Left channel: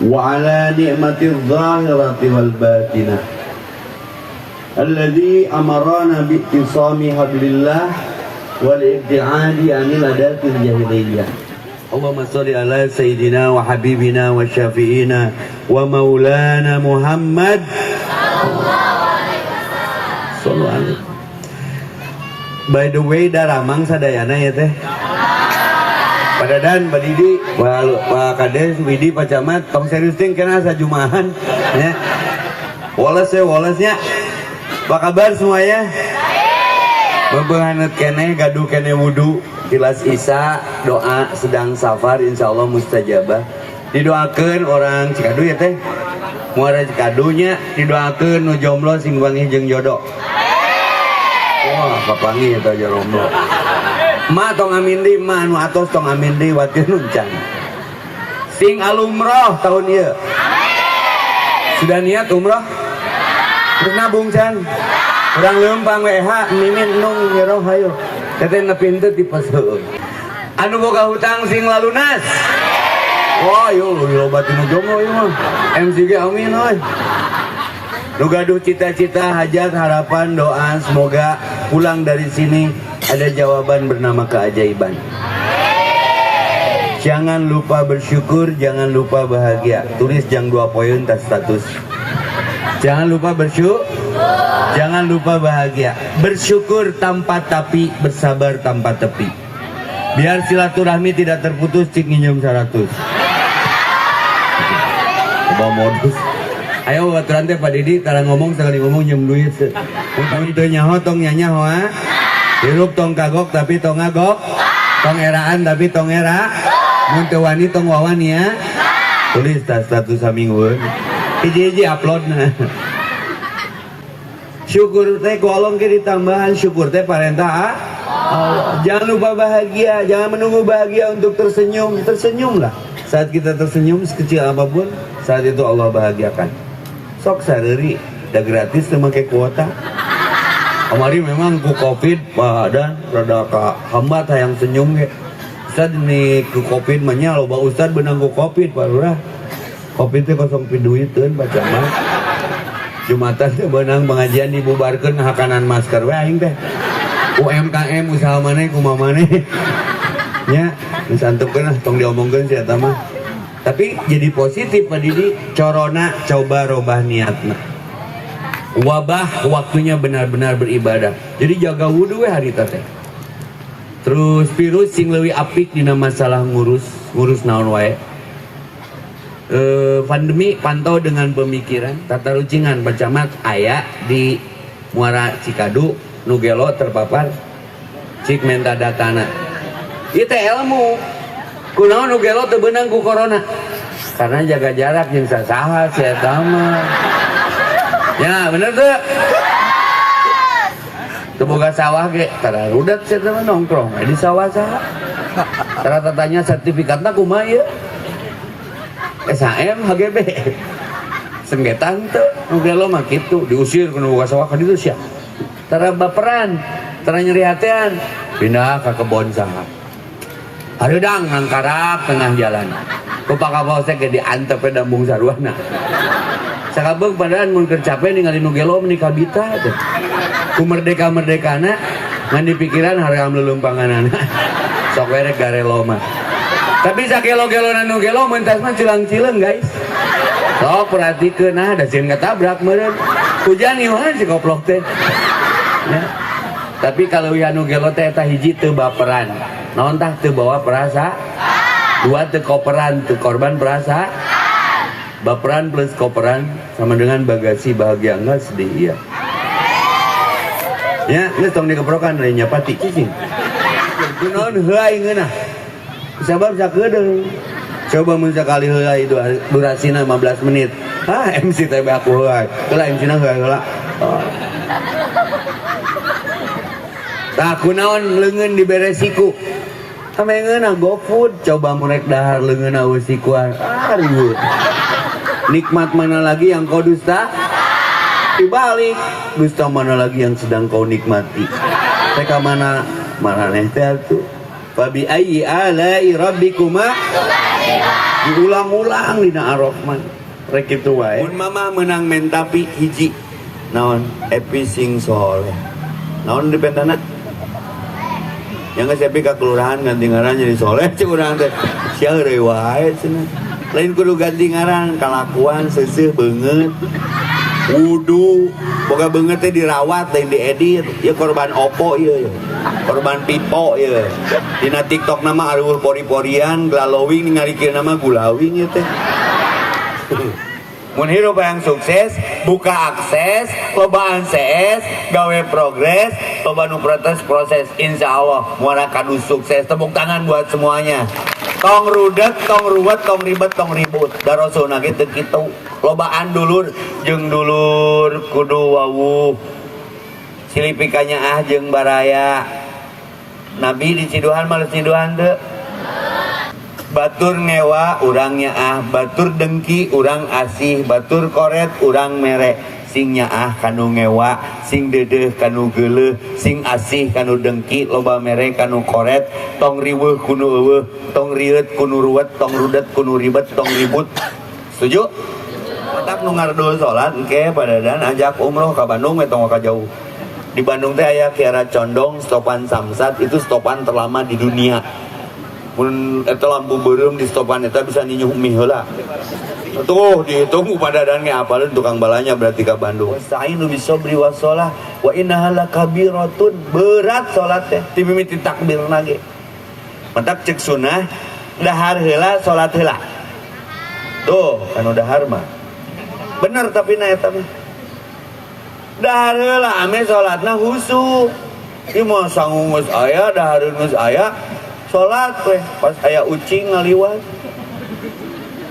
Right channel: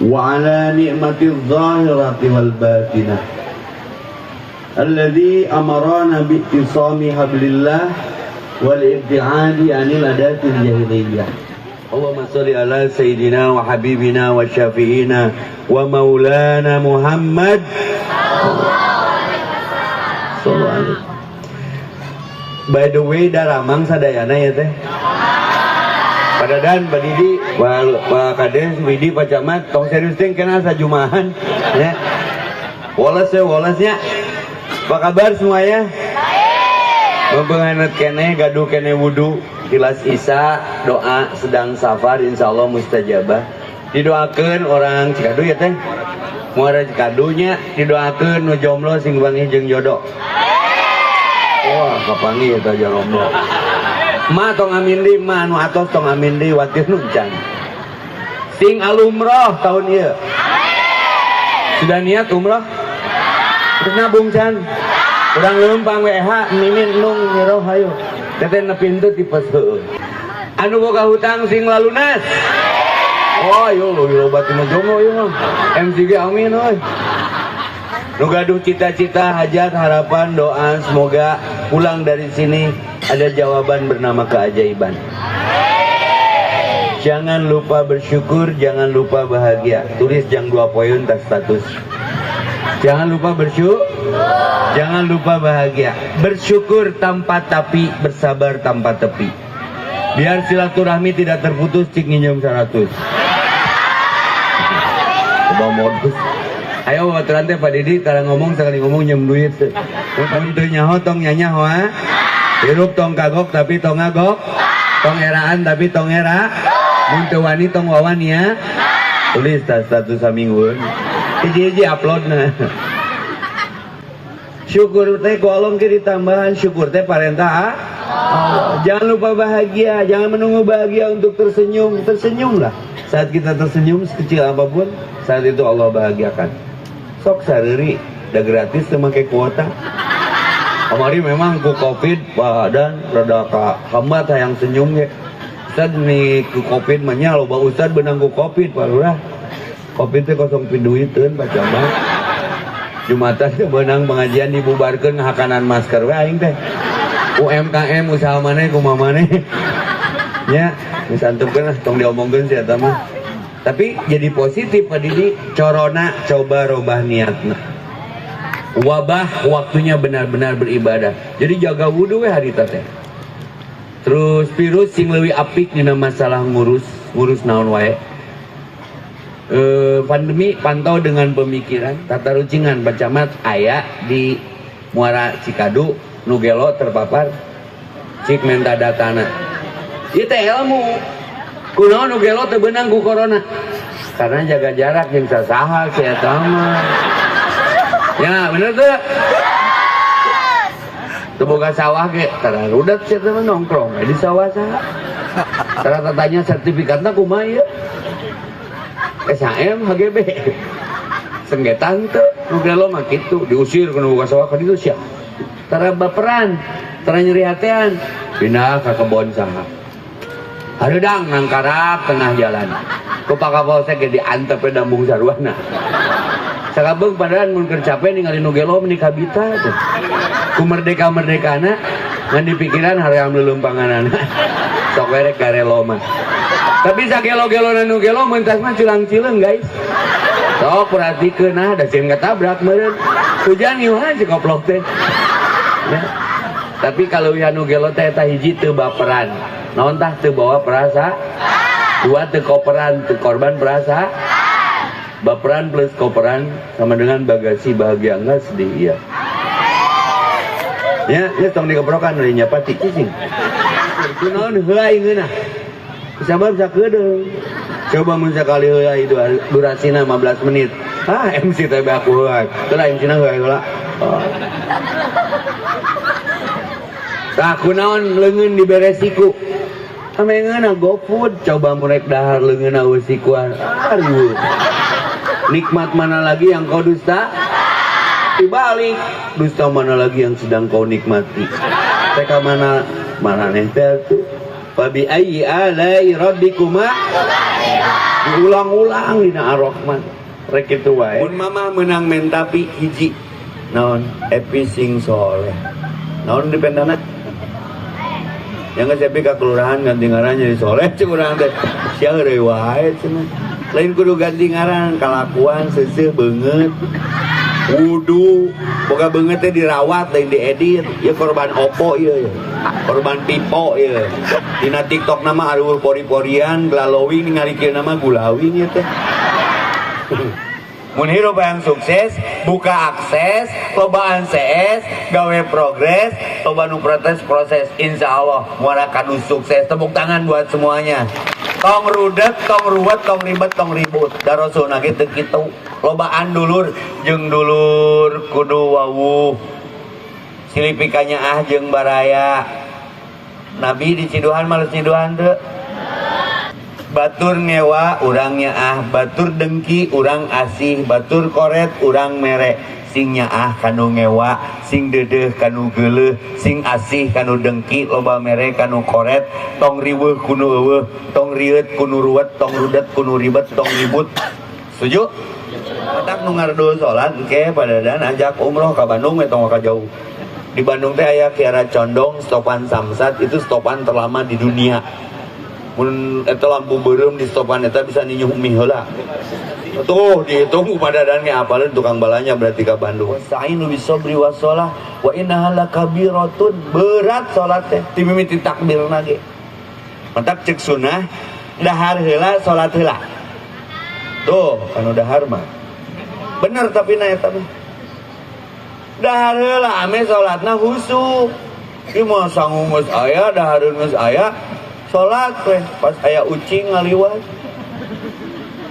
wa ala ni'matiz zahirati wal batinah alladhi amarana bi'tisami hablillah wal ibti'adi anil adatil jahiliyah. Allahumma sholli ala sayyidina wa habibina wa syafi'ina wa maulana Muhammad sallallahu alaihi. By the way, daramang sadayana ya teh. Padadan, Pak Didi, Pak Kades, Widi, Pak Camat, tong serius ting kena sajumahan ya. Woles ya. Apa kabar semuanya? Mempenganut kene, gaduh kene wudu, jelas Isa, doa sedang safar, insya Allah mustajabah. Didoakan orang Cikadu ya teh, muara Cikadunya, didoakan nu jomblo sing wangi jeung jodoh. Wah, kapangi ya teh jomblo. Ma tong amin di, ma nu atos tong amin di, watir nuncan. Sing alumroh tahun ieu. Sudah niat umroh? Terus nabung can? Urang leumpang WH mimin nung nyeroh hayu teteh ngepintu tipes heueuh anu boga hutang sing lalunas. Wah yo loba tina jomblo ieu mah MCG amin euy. Nu gaduh cita-cita, hajat, harapan, doa semoga pulang dari sini ada jawaban bernama keajaiban. Jangan lupa bersyukur, jangan lupa bahagia. Tulis jang 2 poin tas status. Jangan lupa bersyukur, jangan lupa bahagia. Bersyukur tanpa tapi, bersabar tanpa tepi. Biar silaturahmi tidak terputus, cik nginjem 100. Coba modus. Ayo baturan teh Pak Didi, tara ngomong sekali ngomong nyem duit. Untuk nyaho tong nyanyaho ha. Hirup tong kagok tapi tong ngagok. Tong eraan tapi tong era. Mun teu wani tong wawani ya. Tulis tas status saminggueun. Hiji-hiji upload nah. Syukur teh ku Allah ge ditambahan, syukur teh parentah jangan lupa bahagia, jangan menunggu bahagia untuk tersenyum. Tersenyumlah. Saat kita tersenyum sekecil apapun, saat itu Allah bahagiakan. Sok sareuri da gratis teu make kuota. Kamari memang ku Covid dan rada ka hambat hayang senyum ge. Ustad nih ku Covid mah nya loba ustad benang ku Covid Pak Lurah. Covid teh kosong piduiteun baca mah. Jumatan teh beunang pengajian dibubarkeun hakanan masker we aing teh. UMKM usaha maneh kumaha maneh. Nya, geus antepkeun tong diomongkeun si eta mah. Tapi jadi positif Pak Didi, corona coba robah niatna. Wabah waktunya benar-benar beribadah. Jadi jaga wudu we harita teh. Terus virus sing leuwih apik dina masalah ngurus naon wae. Pandemi pantau dengan pemikiran tata rucingan Bacamat aya di Muara Cikadu nu gelo terpapar cik menta datana ieu teh ilmu kunaon nu gelo teu beunang ku corona karena jaga jarak jeung sasaha si eta mah ya bener teu teu boga sawah ge tara rudat si eta nongkrong di sawah saha tara tanya sertifikatna kumaha ieu SHM, HGB senggetan tuh, udah lo mah gitu diusir kena buka sawah kan itu siap tara baperan, tara nyeri hatian pindah ke kebon sama hareudang ngangkarap tengah jalan ku pakapolsek ge diantep dambung sarwana sakabeung padahal mun keur capek ningali nu gelo menikah bita teh ku merdeka-merdekana ngan dipikiran haream lelumpanganana sok werek garelo mah. Tapi sagelo-gelo nu gelo mentas mah cilang-cileung guys. Sok perhatikeun nah da sieun katabrak meureun. Hujan ieuhan si goblok teh. Ya. Tapi kalau ya nu gelo teh eta hiji teu baperan. Naon tah teu bawa perasa? Dua teu koperan, teu korban perasa. Baperan plus koperan sama dengan bagasi bahagia enggak sedih iya. Ya, geus tong dikeprokan deui nya pati cicing. Kunaon heuai ngeunah? Sabar sakedeung. Coba mun sakali heula durasina 15 menit. MC teh aku heula. Teulah MC-na heula. Tah kunaon leungeun diberesiku. Amengeuna GoFood coba murek dahar leungeunna usikuan. Aduh. Nikmat mana lagi yang kau dusta? Dibalik. Dusta mana lagi yang sedang kau nikmati? Teka mana neh teh tuh. Fabi ayyi alai rabbikuma diulang-ulang dina Ar-Rahman rek kitu wae mun mama menang men tapi hiji naon epi sing soleh naon dipendana yang geus epi ka kelurahan ganti ngaran jadi soleh cek urang teh sia heureuy wae cenah lain kudu ganti ngaran kalakuan seuseuh beungeut wudu boga beungeut teh dirawat lain diedit ya korban opo ieu korban pipo ya dina TikTok nama aduh pori-porian glalowing ngarikeun nama gulawing ya teh mun hirup yang sukses buka akses lobaan CS gawe progres loba nu proses insya Allah muara kanu sukses tepuk tangan buat semuanya tong rudet tong ruwet tong ribet tong ribut darosuna gitu kitu lobaan dulur jeung dulur kudu wawuh silipikanya jeung baraya Nabi di Ciduhan malu Ciduhan teu batur ngewa urangnya batur dengki urang asih batur koret urang mere sing nyaah kanu ngewa sing deudeuh kanu geuleuh sing asih kanu dengki loba mere kanu koret tong riweuh kunu eueuh tong rieut kunu ruwet tong rudet kunu ribet tong ribut setuju otak nu ngardo salat engke padadan ajak umroh ka Bandung we tong ka jauh di Bandung teh aya Kiara Condong stopan Samsat itu stopan terlama di dunia mun eta lampu beureum di stopan eta bisa ninyuh mie heula tuh dihitung padadan ge apaleun tukang balanya berarti ka Bandung sa'inu bisobri wasolah wa innaha lakabiratun berat salat teh ti mimiti takbirna ge mantap cek sunah dahar heula salat heula tuh anu dahar mah bener tapi na eta mah dahar heula ame salatna husu ieu mah sangu geus aya dahareun geus aya salat teh pas aya ucing ngaliwat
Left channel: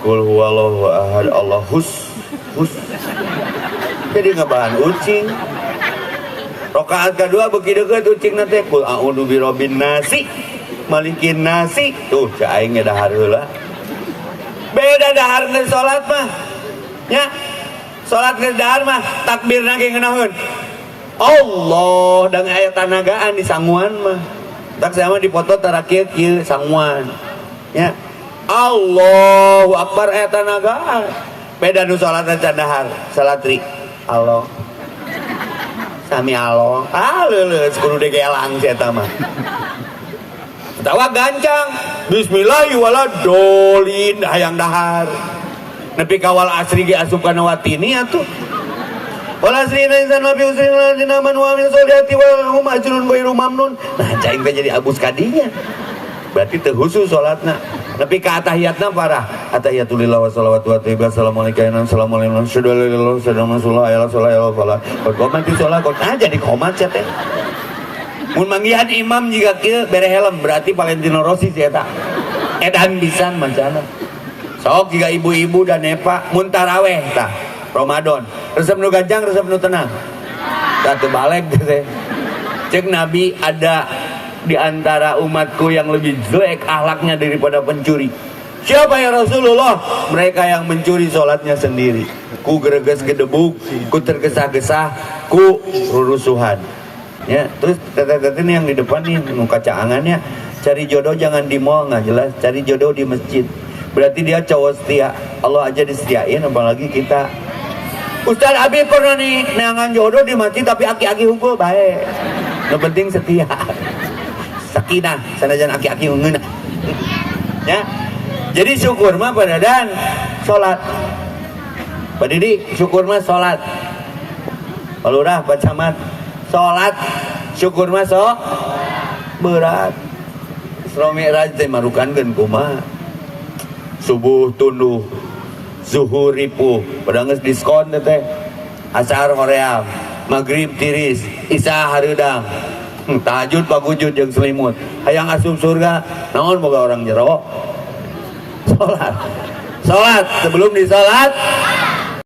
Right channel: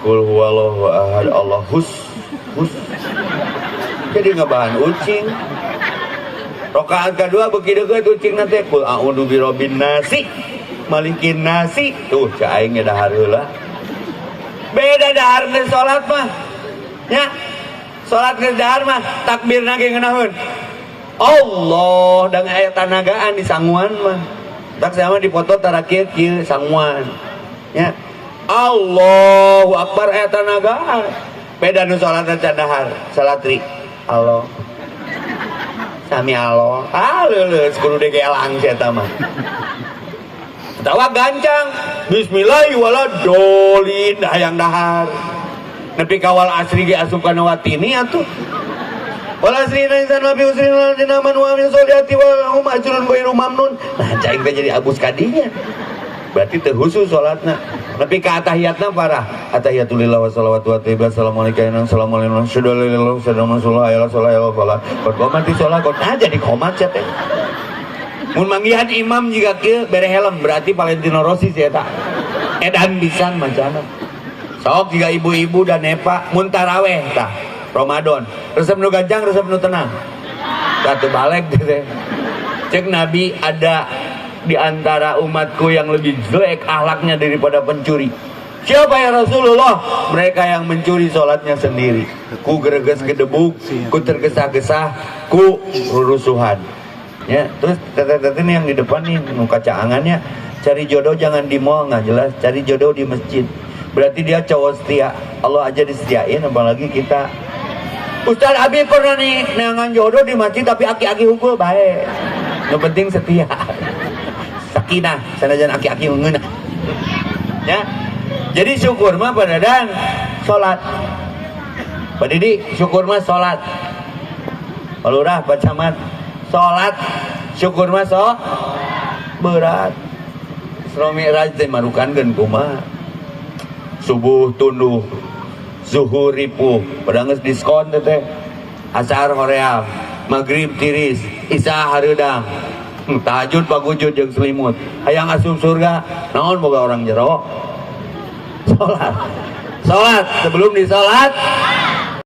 qul huwallahu ahad Allah hus jadi ngabahan ucing rakaat kedua beuki deukeut ucingna teh qul a'udzu birabbin nasi malikin nasi tuh cai aing ge dahar heula beda dahar geus salat mah nya salat geus dahar mah takbirna ge ngeunaheun Allah dan aya tanagaan di sanguan mah tak sama dipoto tarakieu kieu sanguan ya Allahu Akbar aya tanagaan beda nu salat can dahar salat ri Allah sami Allah leuleus kudu degelang si eta mah tawa gancang bismillahirrahmanirrahim hayang dahar nepi kawal asri ge asup kana watini atuh wala asrina insan nabi usrina dinaman wa min sholati wa hum ajrun ghairu mamnun nah caing teh jadi abus kadinya berarti teu husu salatna nepi ka atahiyatna parah atahiyatulillah wa shalawatu wa tayyibah assalamualaikum assalamualaikum sallallahu alaihi wasallam qomati salat kok jadi qomat teh mun manggihan imam jiga kieu bere helm berarti Valentino Rossi si eta edan pisan mancana sok jiga ibu-ibu dan nepa mun taraweh tah Ramadan resep nu ganjang resep nu tenang satu balik teh cek Nabi ada di antara umatku yang lebih jelek akhlaknya daripada pencuri siapa ya Rasulullah mereka yang mencuri sholatnya sendiri ku gereges gedebuk ku tergesa-gesa ku rurusuhan ya terus kata-kata ini yang di depan nih kacaangannya cari jodoh jangan di mall nggak jelas cari jodoh di masjid berarti dia cowok setia Allah aja disetiain apalagi kita Ustaz Abi pernah nih neangan jodoh di masjid tapi aki-aki hukum baik yang penting setia sakinah sanajan aki-aki ngeunah ya jadi syukur mah padadan salat Pak Didi syukur mah salat Pak Lurah Pak Camat salat syukur mah berat Isra Mi'raj teh marukankeun kumaha subuh tunduh zuhur ripuh padahal geus diskon teh asar hoream maghrib tiris isya hareudang tahajud pagujud jeung selimut hayang asup surga naon boga orang jero salat sebelum disalat